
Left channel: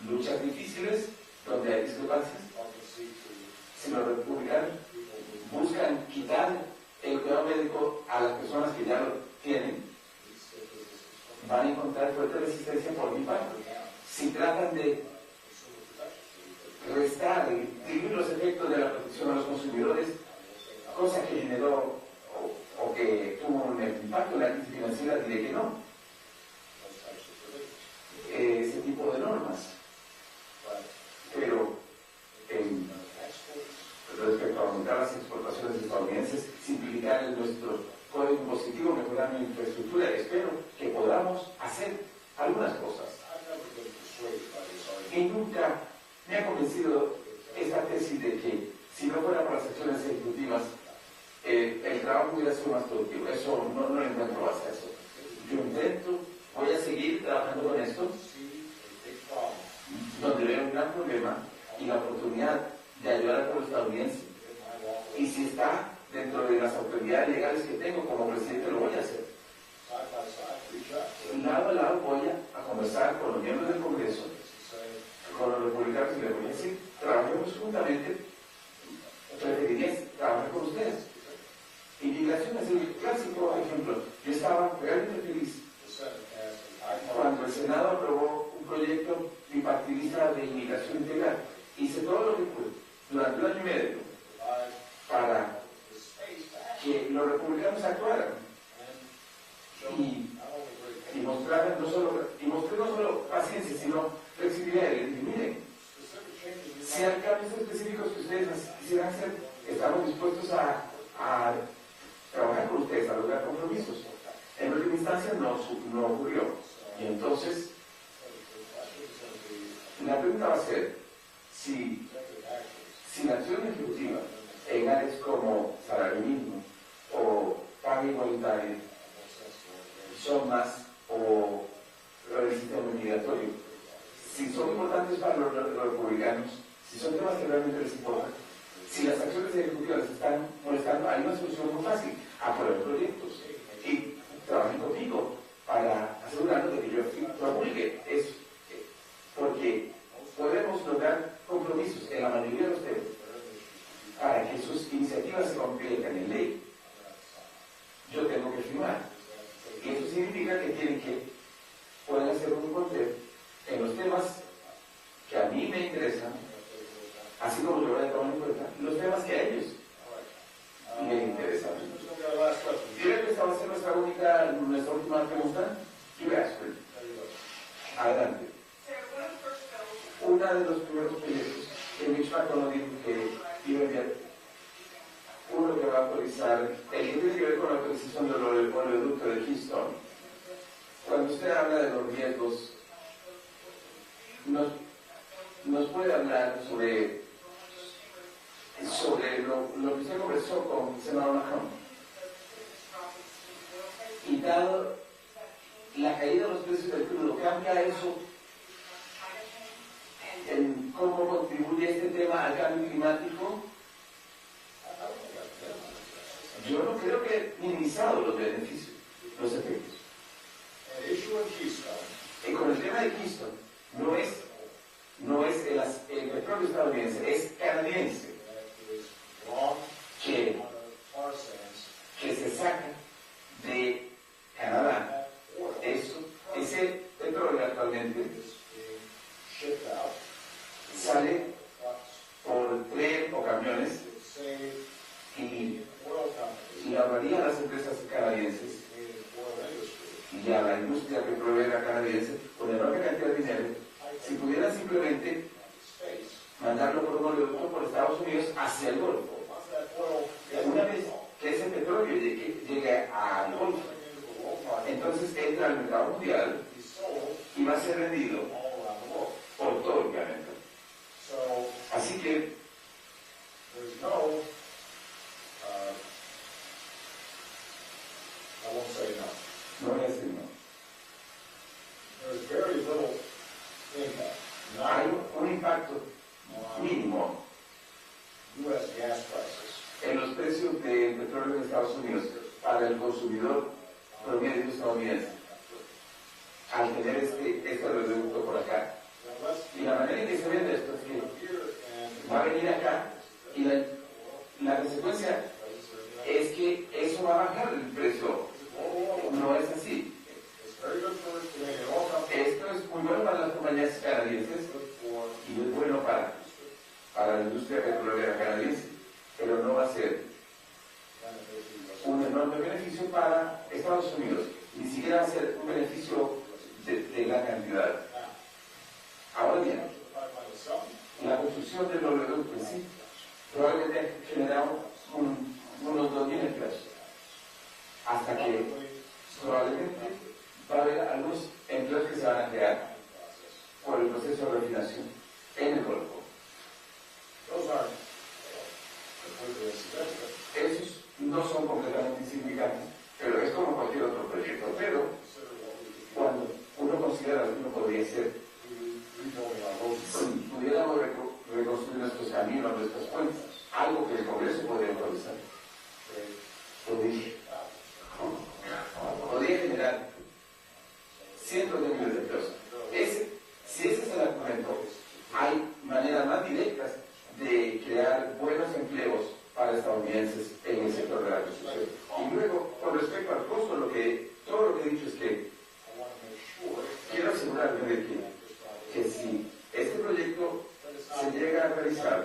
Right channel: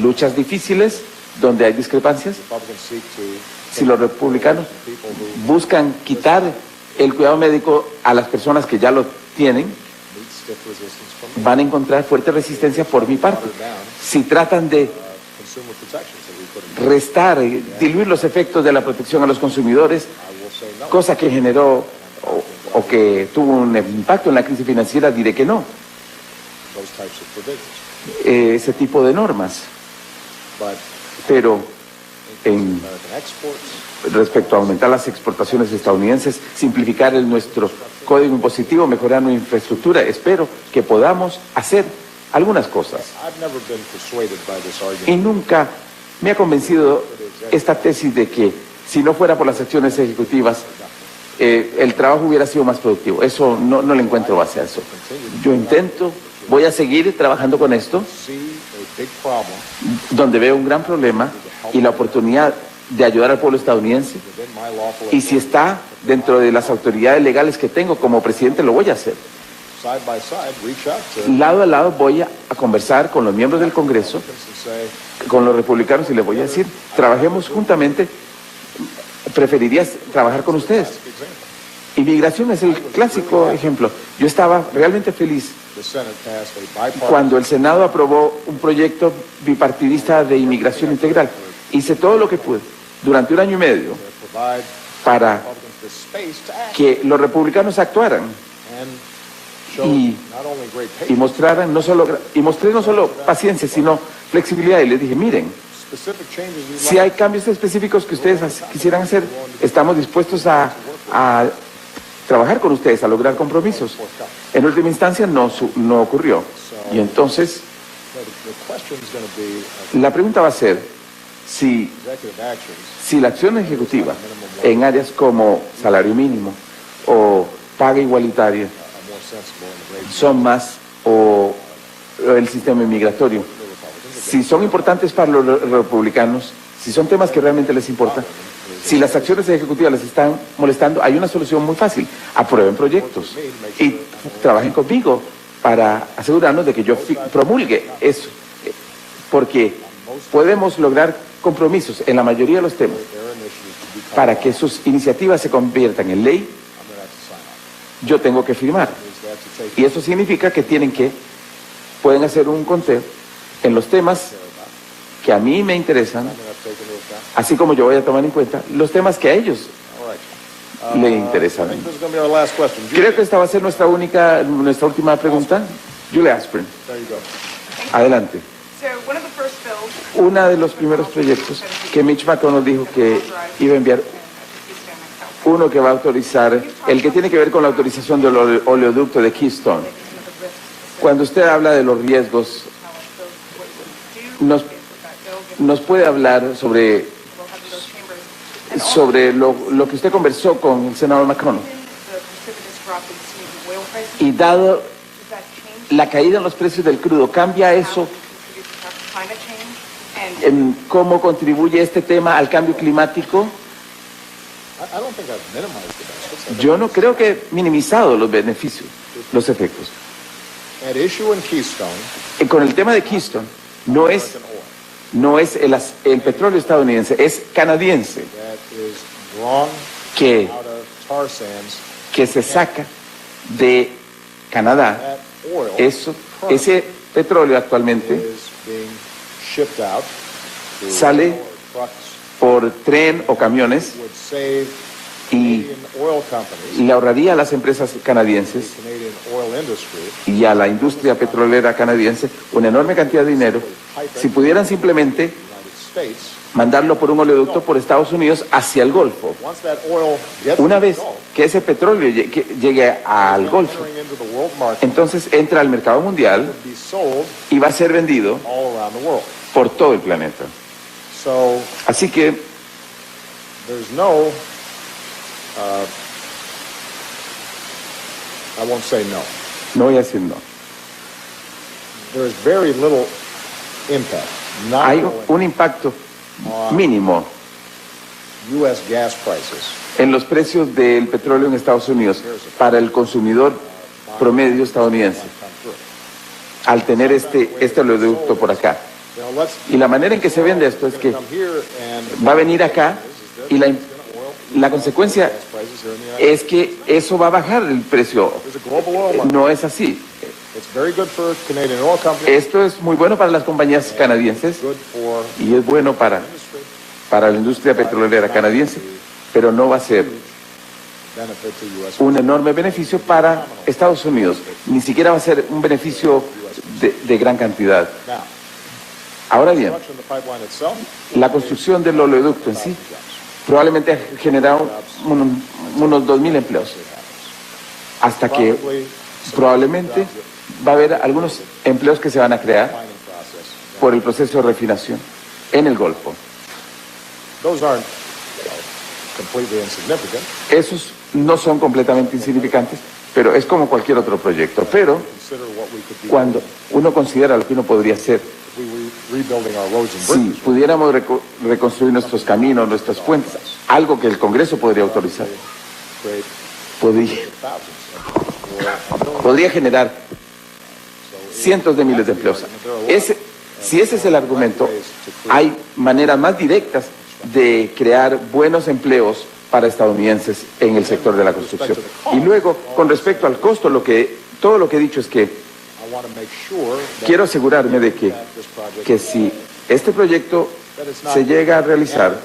luchas difíciles donde hay discrepancias. Si los republicanos buscan quitar el cuidado médico a las personas que ya lo tienen, van a encontrar fuerte resistencia por mi parte. Si tratan de restar, diluir los efectos de la protección a los consumidores, cosa que generó o que tuvo un impacto en la crisis financiera, diré que no. Ese tipo de normas. Pero respecto a aumentar las exportaciones estadounidenses, simplificar nuestro código impositivo, mejorar nuestra infraestructura, espero que podamos hacer algunas cosas. Y nunca me ha convencido esta tesis de que si no fuera por las acciones ejecutivas, el trabajo hubiera sido más productivo. Eso no le encuentro base a eso. Yo voy a seguir trabajando con esto, donde veo un gran problema y la oportunidad de ayudar al pueblo estadounidense. Y si está dentro de las autoridades legales que tengo como presidente, lo voy a hacer. Lado a lado voy a conversar con los miembros del Congreso, con los republicanos, y les voy a decir, trabajemos juntamente. Preferiría trabajar con ustedes. Inmigración es el clásico ejemplo. Yo estaba realmente feliz cuando el Senado aprobó un proyecto bipartidista de inmigración integral. Hice todo lo que pude durante 1 año y medio para que los republicanos actuaran y mostraran mostré no solo paciencia, sino flexibilidad. Y les dije, miren, si hay cambios específicos que ustedes quisieran hacer, estamos dispuestos a trabajar con ustedes, a lograr compromisos. En última instancia no ocurrió. Y entonces, la pregunta va a ser si la acción ejecutiva en áreas como salario mínimo o paga igualitaria son más, o el sistema inmigratorio, si son importantes para los republicanos, si son temas que realmente les importan, si las acciones ejecutivas les están molestando, hay una solución muy fácil: aprueben proyectos y trabajen conmigo para asegurarnos de que yo promulgue eso, porque podemos lograr compromisos en la mayoría de los temas. Para que sus iniciativas se conviertan en ley, yo tengo que firmar, y eso significa que pueden hacer un conteo en los temas que a mí me interesan, así como yo voy a tomar en cuenta los temas que a ellos le interesan. Creo que esta va a ser nuestra última pregunta. Julie Asprin, adelante. Uno de los primeros proyectos que Mitch McConnell dijo que iba a enviar, uno que va a autorizar, el que tiene que ver con la autorización del oleoducto de Keystone. Cuando usted habla de los riesgos, nos puede hablar sobre lo que usted conversó con el senador McConnell. Y dado la caída en los precios del crudo, ¿cambia eso? ¿Cómo contribuye este tema al cambio climático? Yo no creo que he minimizado los beneficios, los efectos. Con el tema de Keystone, no es el petróleo estadounidense, es canadiense, que se saca de Canadá. Ese petróleo actualmente sale por tren o camiones y Canadian oil companies, le ahorraría a las empresas canadienses Canadian oil industry, y a la industria petrolera canadiense una enorme cantidad de dinero si pudieran simplemente United States. mandarlo por un oleoducto por Estados Unidos hacia el Golfo. Once that oil gets Una to the vez Gulf, que ese petróleo llegue al Golfo, entering into the world market, entonces entra al mercado mundial be sold y va a ser vendido all around the world. por todo el planeta. So Así que there's no, I won't say no. no voy a decir no. There's very little impact, not Hay un impacto mínimo U.S. gas prices. en los precios del petróleo en Estados Unidos para el consumidor promedio estadounidense Come through. al tener este oleoducto por acá. Now let's Y la manera en que se vende esto es que come here and va a venir acá y la consecuencia prices here in the United es que eso va a bajar el precio. States. There's a global oil market. No es así. It's very good for Canadian oil companies, Esto es muy bueno para las compañías canadienses good for y es bueno para la industria petrolera canadiense, pero no va a ser benefit to U.S. un enorme beneficio para Estados Unidos. Ni siquiera va a ser un beneficio de gran cantidad. Now, Ahora bien, construction of the pipeline itself, la construcción del oleoducto en sí probablemente ha generado unos 2.000 empleos, hasta que probably probablemente va a haber algunos empleos que se van a crear mining process. por el proceso de refinación en el Golfo. Those aren't completely insignificant. Esos no son completamente insignificantes, pero es como cualquier otro proyecto. Pero Consider what we could be cuando uno considera lo que uno podría hacer, if we were rebuilding our roads and si bridges. pudiéramos reconstruir nuestros caminos, nuestras puentes, algo que el Congreso podría autorizar, Create podría, thousands podría generar cientos de miles de empleos. Si ese es el argumento, hay maneras más directas de crear buenos empleos para estadounidenses en el sector de la construcción. Y luego, con respecto al costo, todo lo que he dicho es que I want to make sure that quiero asegurarme de this project que si este proyecto se llega a realizar,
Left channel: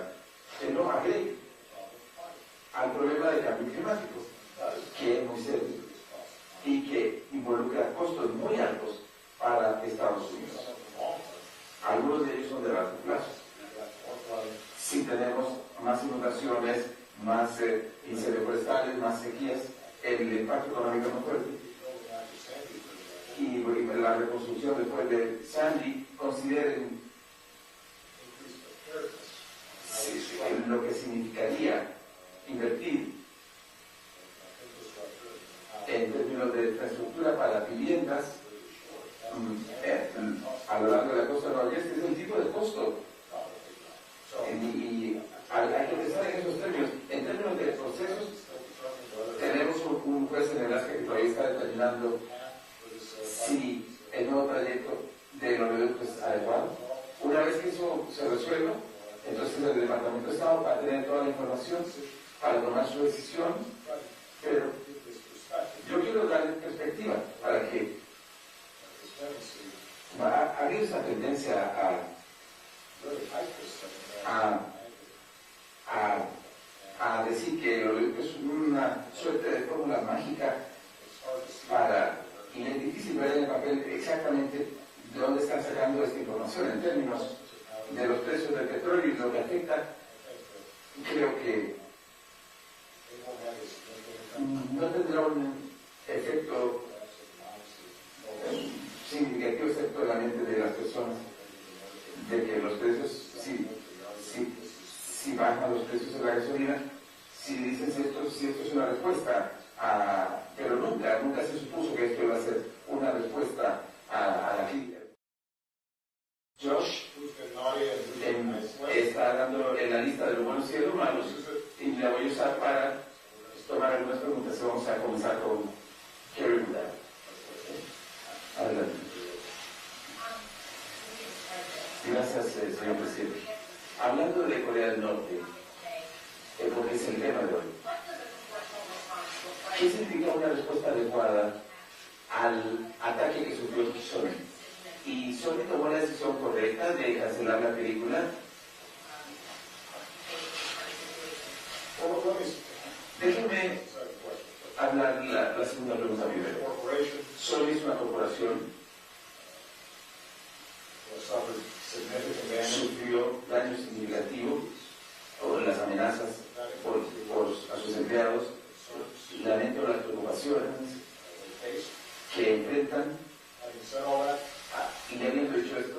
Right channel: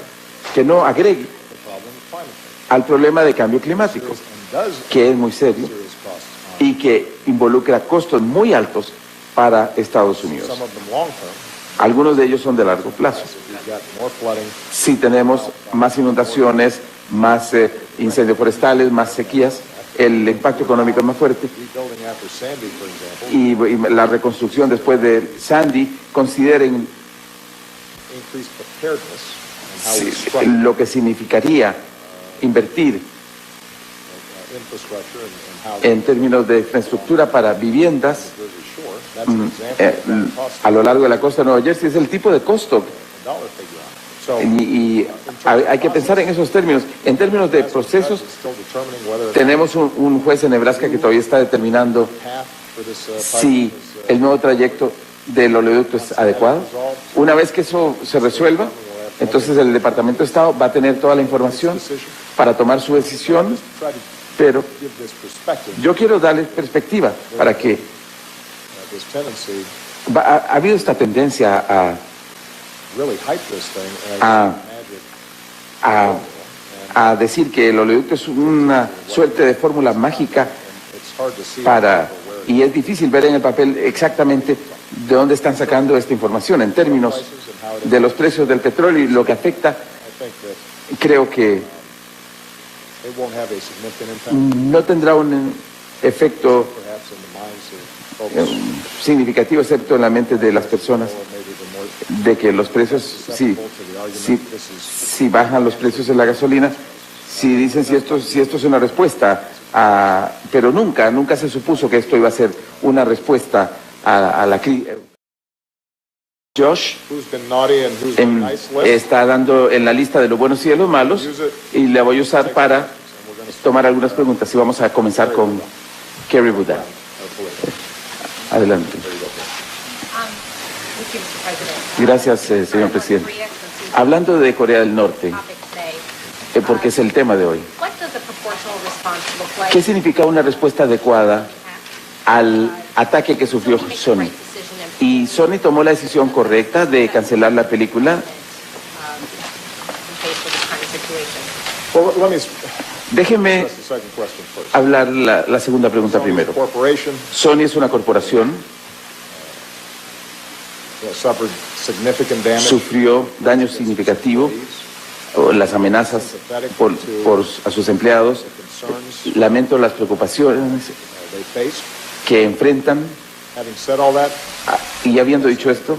que no agregue the problem of climate change al problema de cambio climático, and does que es muy serio serious costs. y que involucra costos muy altos para Estados Unidos. Some of them long term. Algunos de ellos son de largo plazo. We've got more flooding. Si tenemos más inundaciones, más incendios forestales, más sequías, el impacto económico es más fuerte. Rebuilding after Sandy, for example, Y la reconstrucción después de Sandy, consideren increased preparedness and how we structure lo que significaría invertir infrastructure and how we en términos de infraestructura para viviendas Jersey Shore. That's an example of that cost a lo largo de la costa de Nueva Jersey. Es el tipo de costo dollar figure on it. So y hay que pensar en esos términos. En términos de procesos, it's still determining whether tenemos un juez en Nebraska que todavía está determinando the path for this si pipeline is el nuevo trayecto del oleoducto es adecuado. Una vez que eso se resuelva, entonces el Departamento de Estado va a tener toda la información para tomar su decisión, try to pero give this perspective, yo quiero darle perspectiva para que this tendency, ha habido esta tendencia really hype this thing as Ah. magic. a decir que el oleoducto es una suerte de fórmula mágica It's hard to see y es difícil ver en el papel exactamente de dónde están sacando esta información en términos de los precios del petróleo y lo que afecta. I think that Creo que it won't have a significant impact, no tendrá un efecto perhaps in the minds of folks significativo, excepto en la mente de las personas, or maybe the more de que los precios, si bajan los precios de la gasolina, si dicen si esto es una respuesta, pero nunca se supuso que esto iba a ser una respuesta a la crisis. Josh who's been naughty and who's been nice list. está dando en la lista de los buenos y de los malos y la voy a usar para tomar algunas preguntas y vamos a comenzar con Kerry Buda. Adelante. Gracias, señor presidente. Hablando de Corea del Norte, porque es el tema de hoy, ¿qué significa una respuesta adecuada al ataque que sufrió Sony? ¿Y Sony tomó la decisión correcta de cancelar la película? Well, let me Déjeme That's the second question first. hablar la segunda pregunta Sony is a primero. corporation, Sony es una corporación, suffered significant damage. sufrió daño significativo, o las amenazas a sus empleados. Concerns Lamento las preocupaciones they faced. que enfrentan. Having said all that, Y habiendo dicho esto,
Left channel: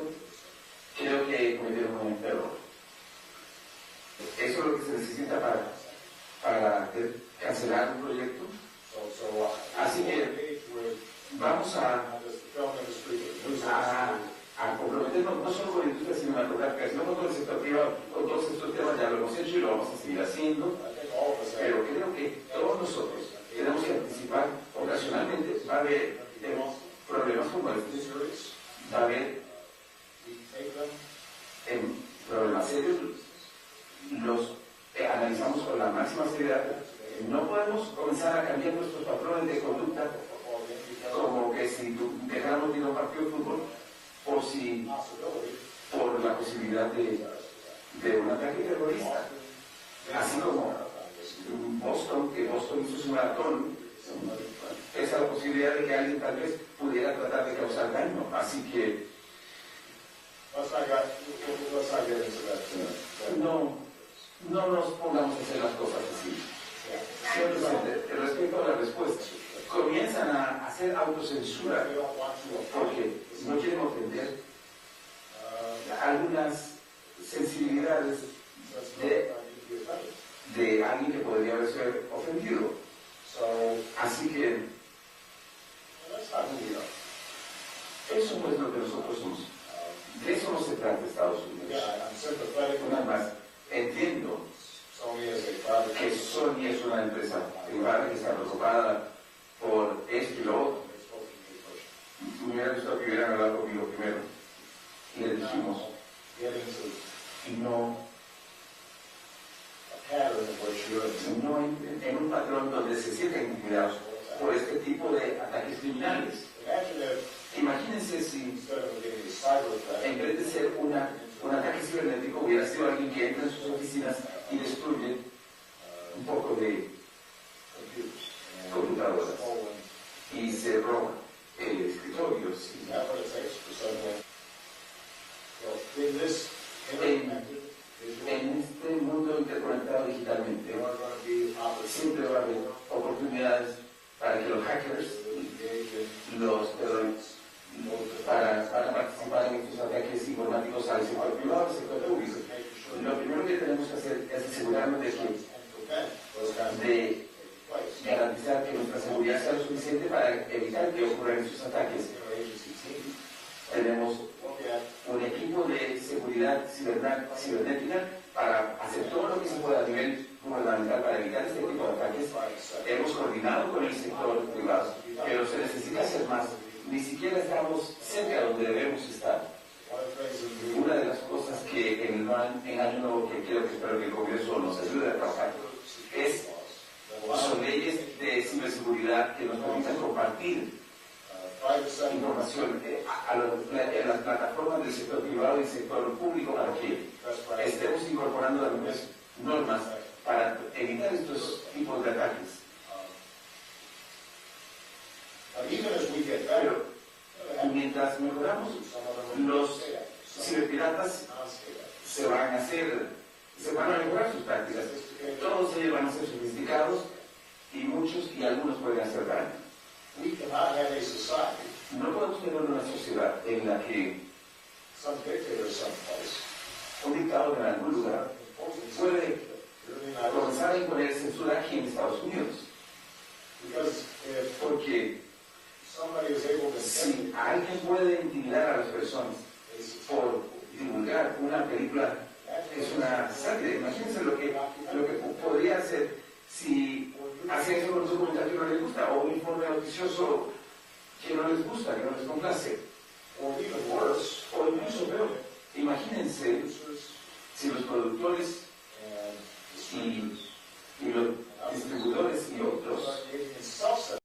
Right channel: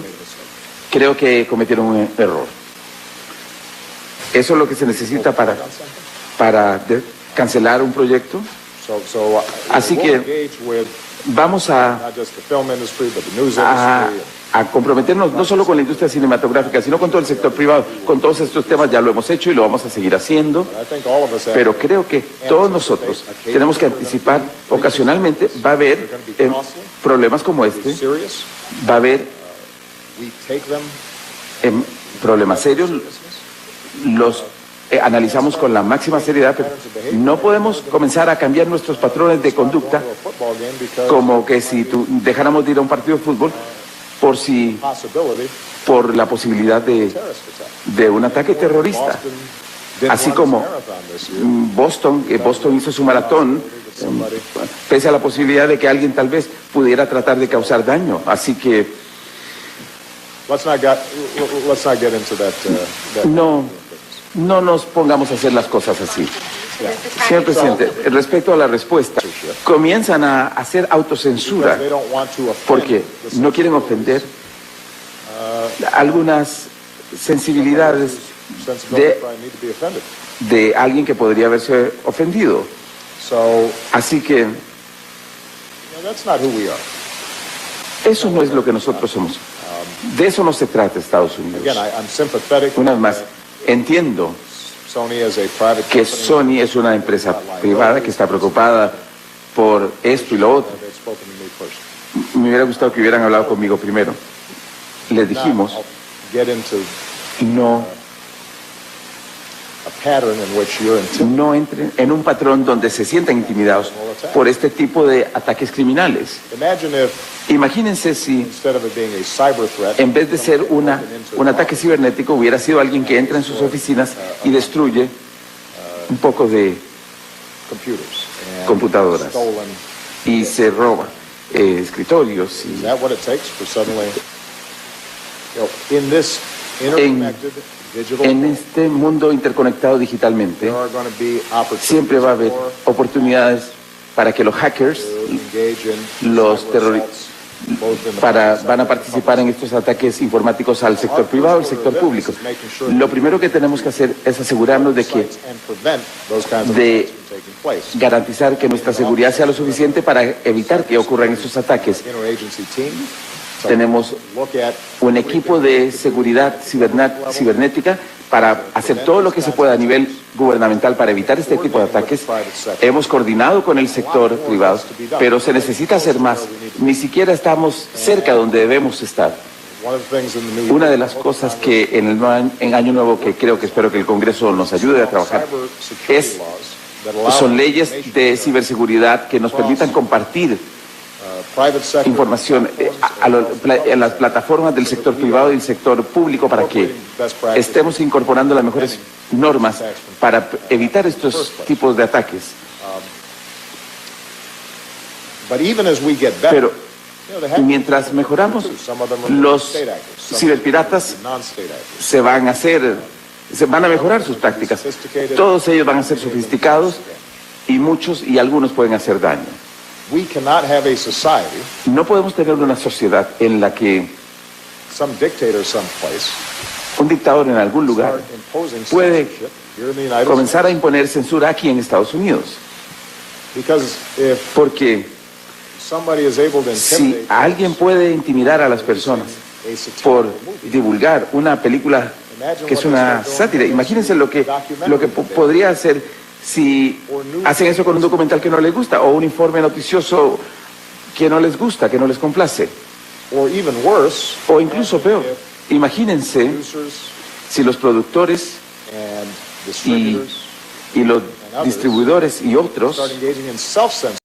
creo que cometieron un error. Eso es lo que se necesita para cancelar un proyecto. Así que engage with vamos a not just the film industry, but the news industry. comprometernos no solo con la industria cinematográfica, sino con todo el sector privado. Con todos estos temas ya lo hemos hecho y lo vamos a seguir haciendo. I think all of us have Pero creo que todos nosotros tenemos que anticipar, ocasionalmente va a haber problemas como este, serious. va a haber We take them problemas serios, los analizamos con la máxima seriedad, pero no podemos comenzar a cambiar nuestros patrones de conducta to a football game because como que si dejáramos de ir a un partido de fútbol possibility por la posibilidad terrorist attack. de un ataque terrorista. Boston didn't Así run como its marathon this year. que Boston hizo su maratón, pese a la posibilidad de que alguien tal vez pudiera tratar de causar daño. Así que Let's not get into that. no nos pongamos a hacer las cosas así. Señor presidente, respecto a la respuesta, comienzan a hacer autocensura They don't want to offend porque the no quieren ofender algunas sensibilidades sensibility probably need to be offended. de alguien que podría haberse ofendido. So Así que that's not who we are. eso no es lo que nosotros somos. De eso no se trata Estados Unidos. Again, I'm sympathetic. Una vez más, entiendo Sony as a private que company. Sony es una empresa privada que está preocupada por esto y lo otro. They've spoken to me first. Me hubiera gustado que hubieran hablado conmigo primero. Les dijimos, Now, I'll get into no a pattern in which you're intimidated. no entren en un patrón donde se sientan intimidados por este tipo de ataques criminales. Imagine if Imagínense si instead of it being a cyber threat, en vez de ser un ataque cibernético hubiera sido alguien que entra en sus oficinas y destruye un poco de computers and computadoras stolen. y se roba escritorios. Is that what it takes for suddenly, in this interconnected digital En world, este mundo interconectado digitalmente, there are going to be opportunities siempre va a haber for oportunidades para que los hackers to engage in los cyber terroristas assaults, both in the private sector van a and participar en estos ataques informáticos al sector privado y al sector público. Lo primero que tenemos que hacer es asegurarnos de que and prevent those kinds of de- attacks from taking place. garantizar que nuestra seguridad sea lo suficiente para evitar que ocurran estos ataques. Interagency team. So Tenemos look at un equipo de seguridad cibernética para hacer todo lo que se pueda a nivel gubernamental para evitar este tipo de ataques. Hemos coordinado con el sector privado, pero se necesita hacer más. Ni siquiera estamos cerca donde debemos estar. one of the things in the new Una de las cosas que en Año Nuevo que espero que el Congreso nos ayude a trabajar cybersecurity laws that allow son leyes de ciberseguridad que nos permitan compartir private sector información en las plataformas del sector privado y del sector público para que estemos incorporando las mejores normas para evitar estos tipos de ataques. But even as we get better, Pero you know, they have mientras mejoramos, some of them are los state actors, some ciberpiratas non-state actors. se van a mejorar sus tácticas. Todos ellos van a ser sofisticados y algunos pueden hacer daño. We cannot have a society, No podemos tener una sociedad en la que some dictator someplace, un dictador en algún lugar start imposing puede censorship here in the United States. comenzar a imponer censura aquí en Estados Unidos. Because if Porque somebody is able to si intimidate alguien puede intimidar a las personas a satirical por movie, divulgar una película que es una sátira, imagínense lo que podría hacer si hacen eso con un documental que no les gusta o un informe noticioso que no les gusta, que no les complace. or even worse, O incluso peor, imagínense producers si los productores and y, distributors y los distribuidores y otros start engaging in self-censorship.